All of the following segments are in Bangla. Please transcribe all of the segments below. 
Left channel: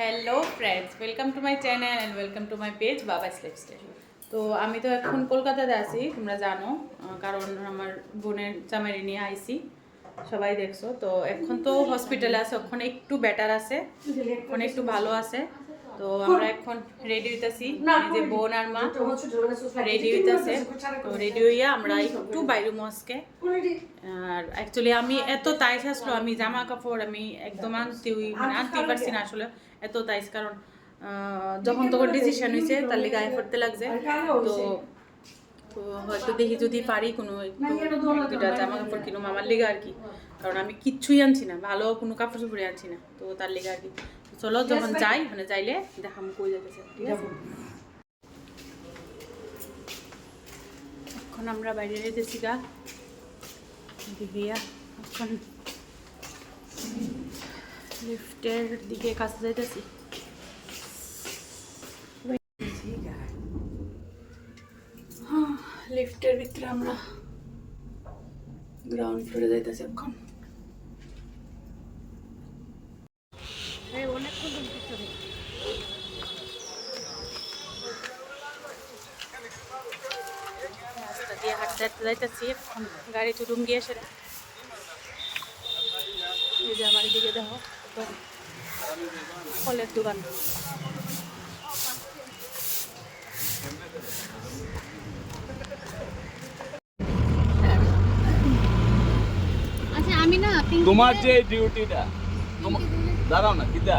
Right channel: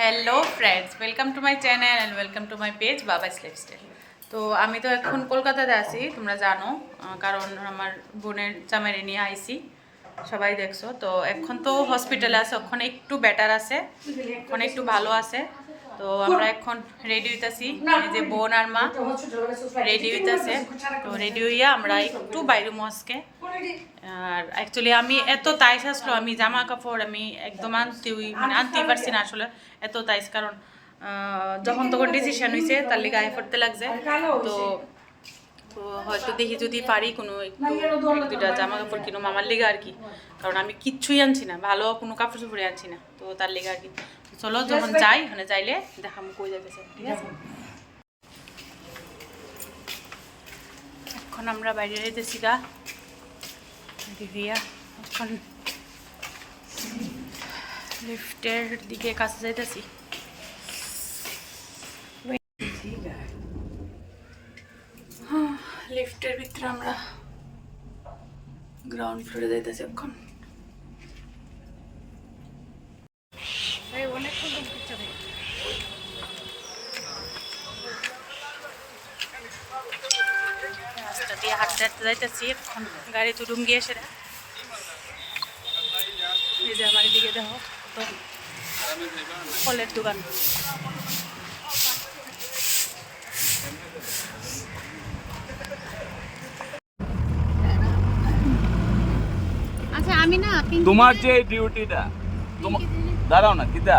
Hello friends, welcome to my channel and welcome to my page Baba's lifestyle. তো আমি তো এখন কলকাতাতে আছি, তোমরা জানো, কারণ আমার বোনের জামাইরে নিয়ে আইছি, সবাই দেখছো। তো এখন তো হসপিটালে আছে, ওখানে একটু বেটার আছে, ওখানে একটু ভালো আছে। তো আমরা এখন রেডি হইতেছি, এই যে বোন আর মা রেডি হইতেছে। তো রেডি হইয়া আমরা একটু বাইরে মস্কে। আর অ্যাকচুয়ালি আমি এত তাইস আসলো, আমি জামা কাপড় আমি একদম আনতেই পারছি না আসলে, এত তাইস। কারণ যখন তখন ডিসিশন হয়েছে, তার লিগে গায়ে পড়তে লাগছে। তো হয়তো দেখি যদি পারি কোনো একটু এক দুটা জামা কাপড় কিনো মামার লিগে আর কি, কারণ আমি কিচ্ছুই আনছি না, ভালো কোনো কাপড় চোপড়ে আনছি না, তো তার লিগে আর কি। চলো যখন যাই ওখানে যাইলে দেখাম কই যাইতেছে, ঠিক আছে। এখন আমরা বাইরে যেতেছি গা দিভিয়া, এখন লিফটের দিকে কাছে যাইতেছি। লিফটের ভিতরে আমরা গ্রাউন্ড ফ্লোরে যাইতেছি এখন। রাস্তা দিয়ে হাঁটতে হাঁটতে যাইতেছি, এখন গাড়ি চুটুম গিয়ে সেটা এই যে আমার দিকে দেখো, তো ফলের দোকান। আচ্ছা আমি না তোমার যে ডিউটিটা দাঁড়াও না কিতা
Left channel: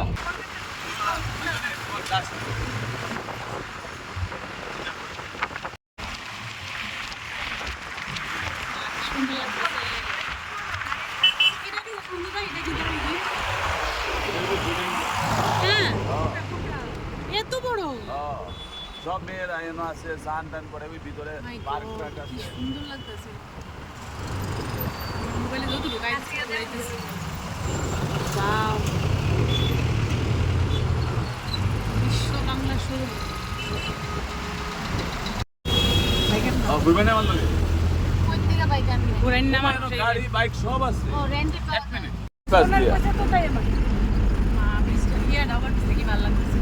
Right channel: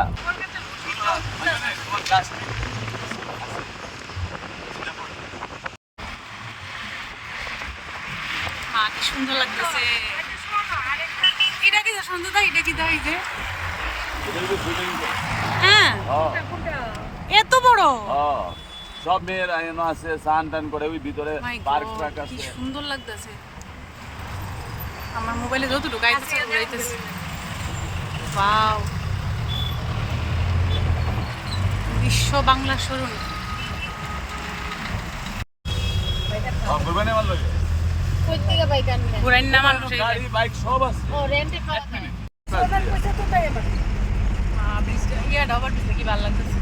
মা কি সুন্দর লাগতেছে, এটা কি সুন্দর, এটা কি দাই যে হ্যাঁ এত বড়, সব মেয়ের আয়না আছে, স্নান টান করে ওই ভিতরে পার্ক ট্রাক কি আছে। সুন্দর লাগতেছে, আমার মোবাইলে যতটুকু আইতেছে উড়াইতেছে। ওয়াও, বিশ্ব বাংলা শোরুম। ঘুরবেন না ভালো কই থেকে বাইক আনবেন? ঘুরাই না মানুষ, গাড়ি বাইক সব আছে। ও রেন্টে পাওয়া যায়। ইয়া ডাবার পিছনে কি ভালো লাগতেছে।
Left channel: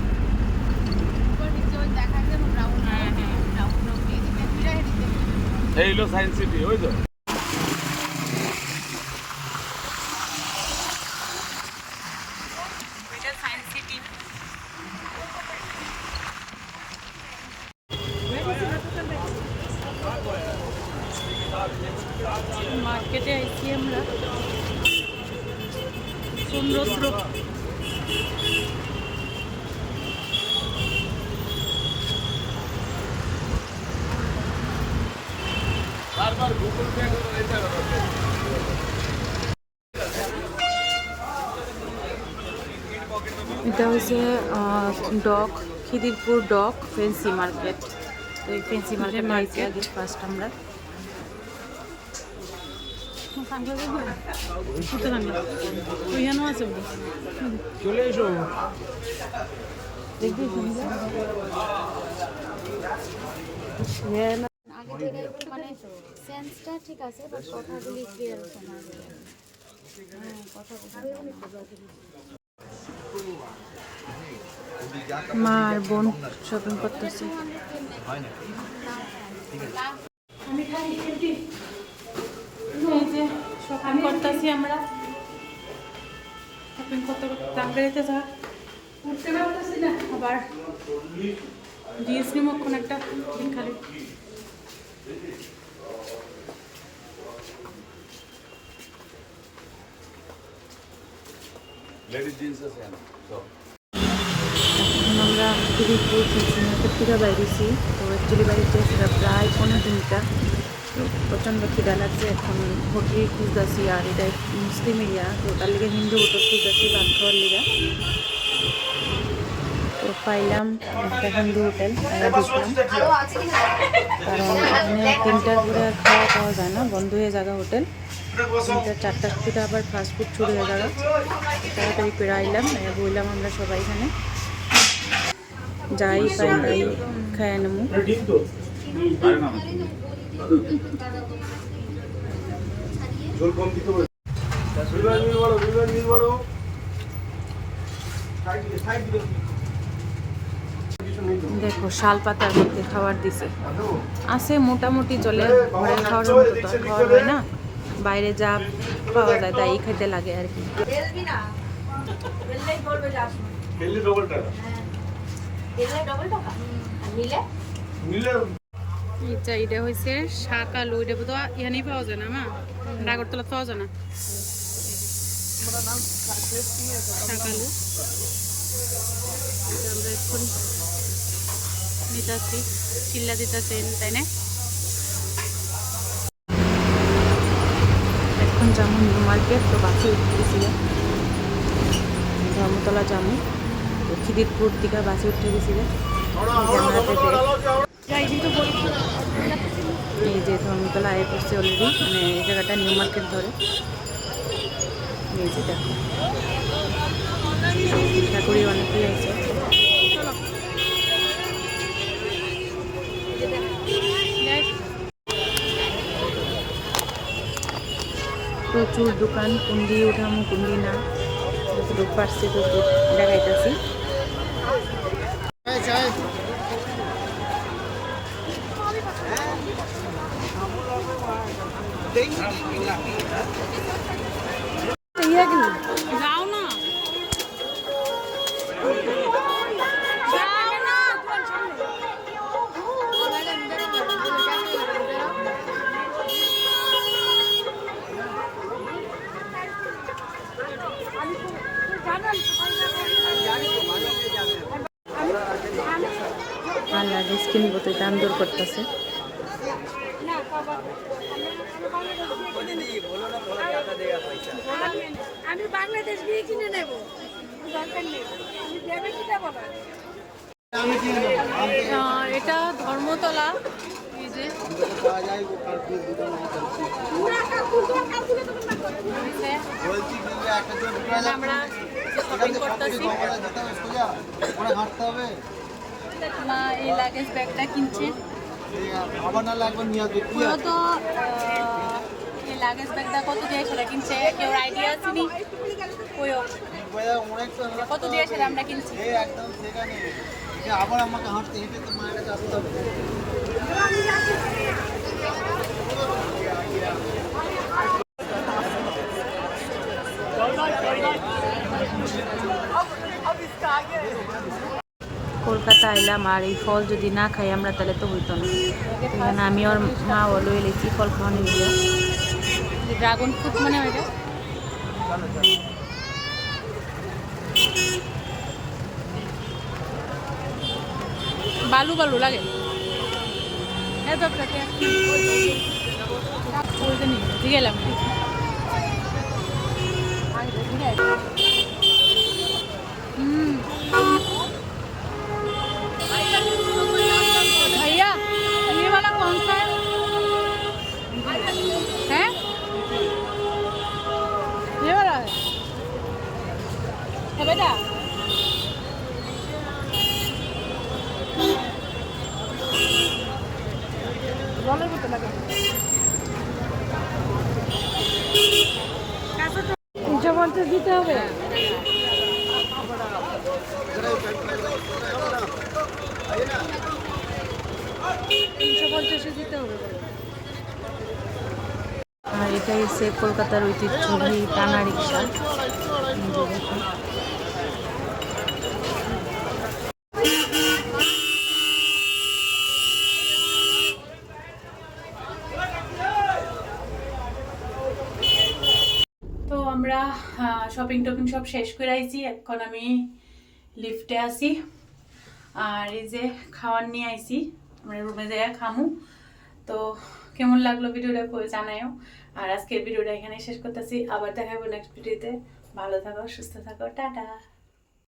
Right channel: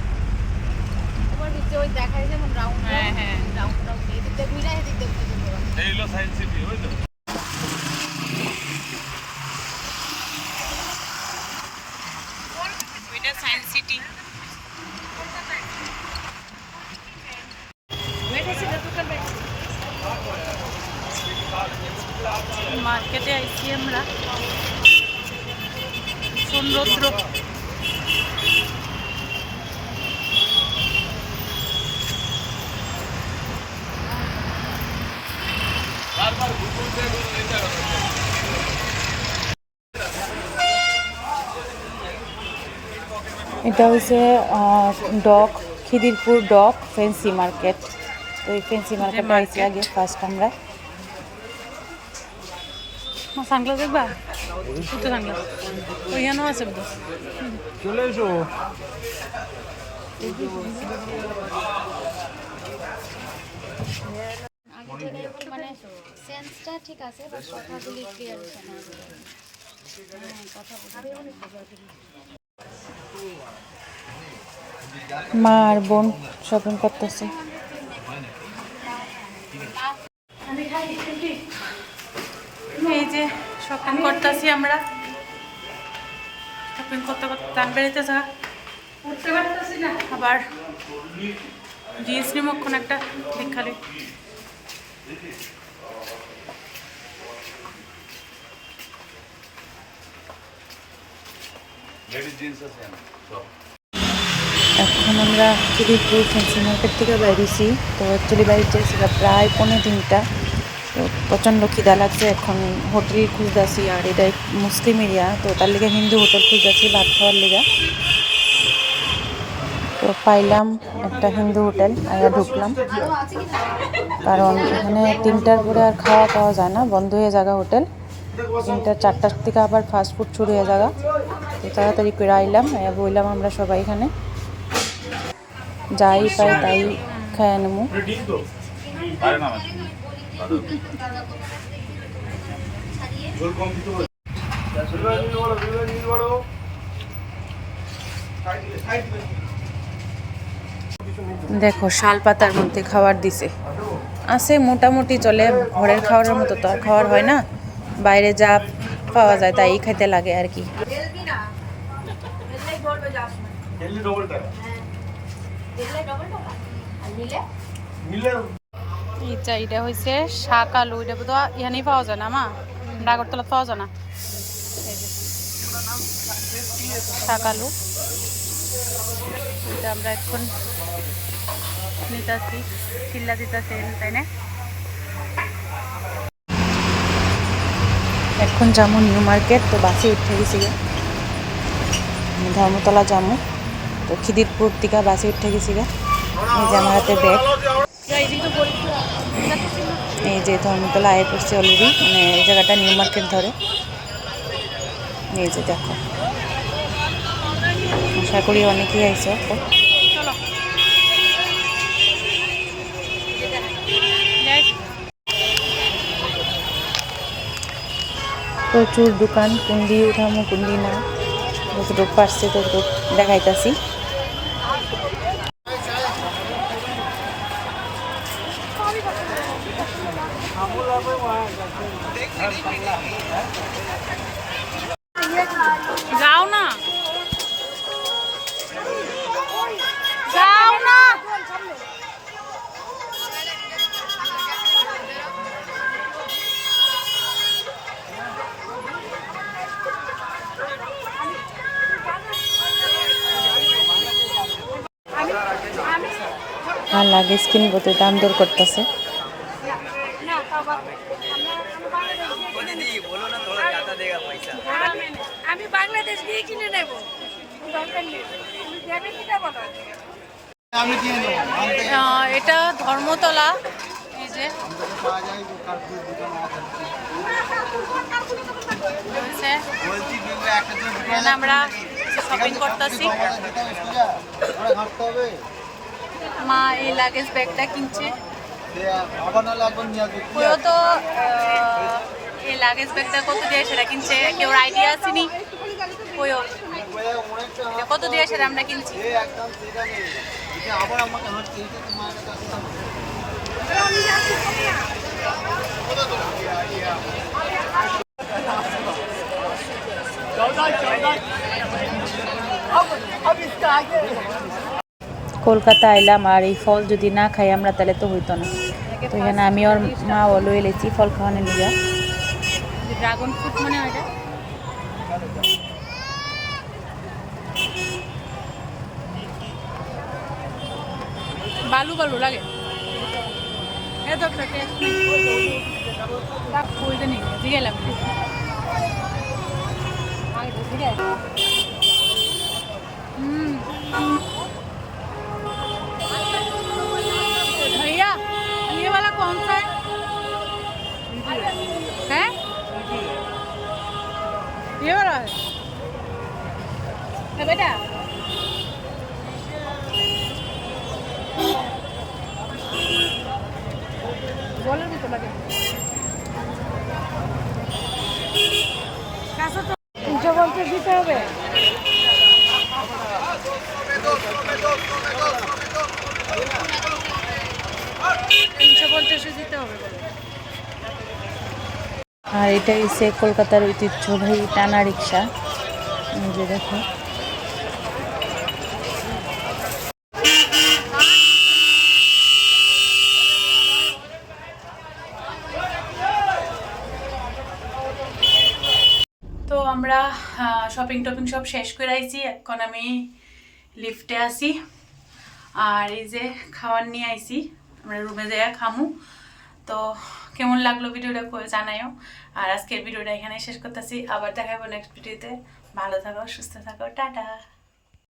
ওর ভিতরে ওই দেখাই যে রাউন্ড হ্যাঁ হ্যাঁ, দিতে মিরাই দিতে। এই হলো সায়েন্স সিটি, ওই তো ওইটা সায়েন্স সিটি। মার্কেটে আইছি আমরা, সৌন্দর্য বারবার গুগল পে করে এটা এটা হচ্ছে dock, Khidirpur dock fancy market. তো এই ফ্যান্সি মার্কেটে আইছি আগে ফার্স্ট আমরা। সাংগ্লাস দেখবা, দুটো সাংগ্লাস ওইখানেও আছে বোধ। চলে এসো। মানে সেন্সটা ঠিক আছে বাট কথাগুলি ক্লিয়ার হচ্ছে না। মা আর বোন শপিং করতেছে। এই যে শপিং করতেছি আমরা, শপিং করতে করতে টান বেড়েছে, উঠতে পারতেছি না। আবার জিএস নিমক্ষণ একটা ঠিক খালি। লেডিস জিন্স আছে সব। এখন আমরা খিদিরপুর ফ্যান্সি মার্কেট থেকে বাইরেছি। তো অ্যাকচুয়ালি বাইরে যাচ্ছি প্রায় 15-3টা। তো প্রচণ্ড খিদা লাগছে, এখন হোটেল খুঁজতেছি। আর এটা মুসলিম এরিয়া, তো তার লিগে হিন্দু হোটেল খুঁজতেছি ভাত খাওয়ার লিগা। তো পাইলাম একটা হিন্দু হোটেল, আমরা ঢুকলাম, কারণ এখানে 3টার পরে আর খাওয়া পাওয়া যায় না, বন্ধ হয়ে জায়গা হোটেল। 3-4টার থেকে আবার ফাস্টফুড শুরু হয়ে জায়গা। তো তাড়াতাড়ি পেরে আইলাম, বইলাম আমরা সবাই এখানে যাই পাই তাই খায় নেবো। দেখো শাল পাতার মধ্যে খাবার দিছে, আছে মোটামুটি চলে, ঘরের খাওয়ার মতো তো আর খাওয়ার হয় না, বাইরে যা পাওয়া যায় তাই খাইতে লাগে আর কি। এটা হয়েছে শাক আলু, এটা তো ইয়ানি পাওয়া যায় না মা, ডাগরতলা পাওয়া যায় না। এই যে শাক আলু, এটা আমরা এখন নিতেছি, চিল্লা দিতেছেন তাই না। এখন যাবো নিউ মার্কেট, তো বাসে উঠে গেছি, ধর্মতলা যাবো, তো খিদিরপুর থেকে বাসে উঠে গেছি গা। আমার হাতে ব্যাগ, এই যে ধর্মতলা আয় করছে অলরেডি, মানে এই জায়গাটা নিউ মার্কেট ধরে। এই যে দেখো, আশা করি অনেকেই আইছে। প্রচুর দোকান, কুন্দি উঠামো কুন্দি না, যতটুকু পারছি ততটুকু দেখাইতেছি। যাও না, যাও না, লাগেজ কিনবো তো দাম দর করতেছে। আমি বাংলাদেশ গিয়ে কিনে নেব, দরকার নেই, তুমি দেবে কিনা বলো। এটা ধর্মতলা, এই যে এখানে আমরা শপিং করতেছি। মা এই লাগেজ ব্যাগটা কিনছে, তো এই লাগেজ ব্যাগটা কত দিয়ে সেটা কিনছে, কেউ আইডিয়া আছে নি কইও কত দিয়ে সেটা আমরা কিনছি। কলকাতা আইলাম আর এই ফল যদি না খাই আমরা তাহলে তো হইতো না। তো এখানে আমি ওর মা ওলো এলেছি ফল খাওয়ানো নিয়ে, ড্রাগন ফ্রুট মনে হয় এটা। বালু বালু লাগে, এত একটা টেস্ট নেই, বুঝলাম भैया ये वाला कौन सा है? ये वाला है बेटा। জলের ভিতরে লাগে 350 দিতে হবে। 350 দিতে হবে। আর এটাই সে কলকাতার ঐতিহ্যবাহী টানা রিক্সা, যে দেখো তো আমরা শপিং টপিং সব শেষ করে আইছি, এখন আমি লিফটে আসি আর এই যে খাওয়ার নিয়ে আইছি, আমরা রুমে যাই খামু। তো কেমন লাগলো ভিডিওটা জানাইও, আর আজকের ভিডিওটা এখানে শেষ করতেছি, আবার দেখাবো নেক্সট ভিডিওতে। ভালো থাকো, সুস্থ থাকো, টাটা।